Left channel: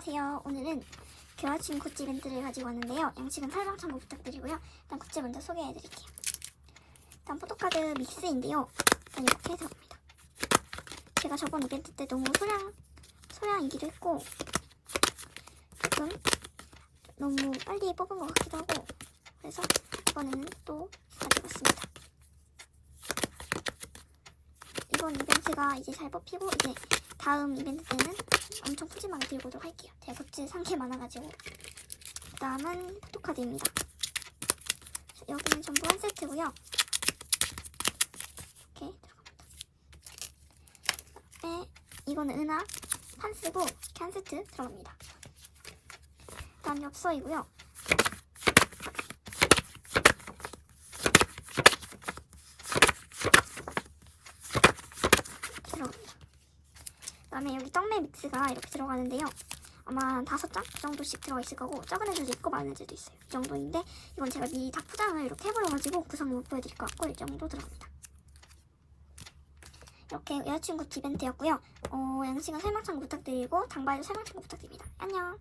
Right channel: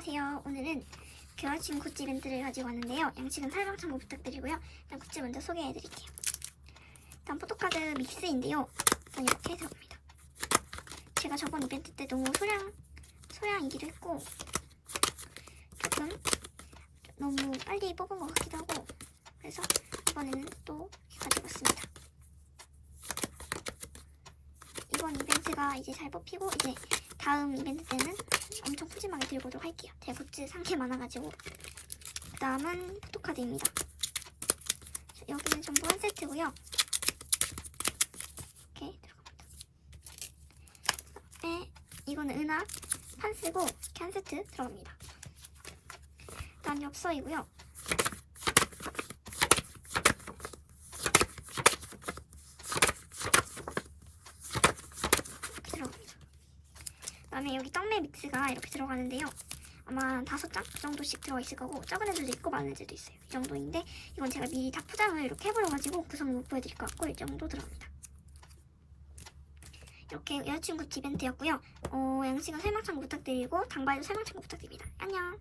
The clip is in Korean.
안녕하세요. 오늘은 교환신 굿즈 이벤트를 가지고 왔는데요. 양식은 설명 참고 부탁드리고요. 일단 굿즈 먼저 소개해드릴게요. 일단 포토카드 믹스인데요. 일단 이렇게 들어갑니다. 제가 저번 이벤트 때 너무 소량, 소량이기도 했고 조금 너무 빨리 뽑은 것 같기도 하고 그래서 이번에는 또 가지고 왔습니다. 이번 이벤트가 이제 잘 뽑히고 이제 다음 이벤트 때는 엄청 푸짐하게 들고 오도록 굿즈 상개 많아가지고. 그 다음은 포토카드입니다. 여기는 전부 한 세트고요. 이렇게 들어갑니다. 네, 이거는 은하 판 쓰고 이렇게 한 세트 들어갑니다. 그 다음 엽서이고요. 들어갑니다. 그 다음에 여기 떡메 믹스가 이렇게 들어가는데요. 아마 다섯 장그 정도씩 들어가 있을 거고 작은 애들도 있고 많은 애들도 있어요. 이 정도인데 이건 제가 미리 다 포장을 이렇게 해버려가지고 구성을 못 보여드릴 것 같고 이 정도 들어갑니다. 이렇게 여자친구 이벤트였고요. 어, 양식은 설명 참고 부탁드리고 당발도 설명 참고 부탁드립니다. 안녕.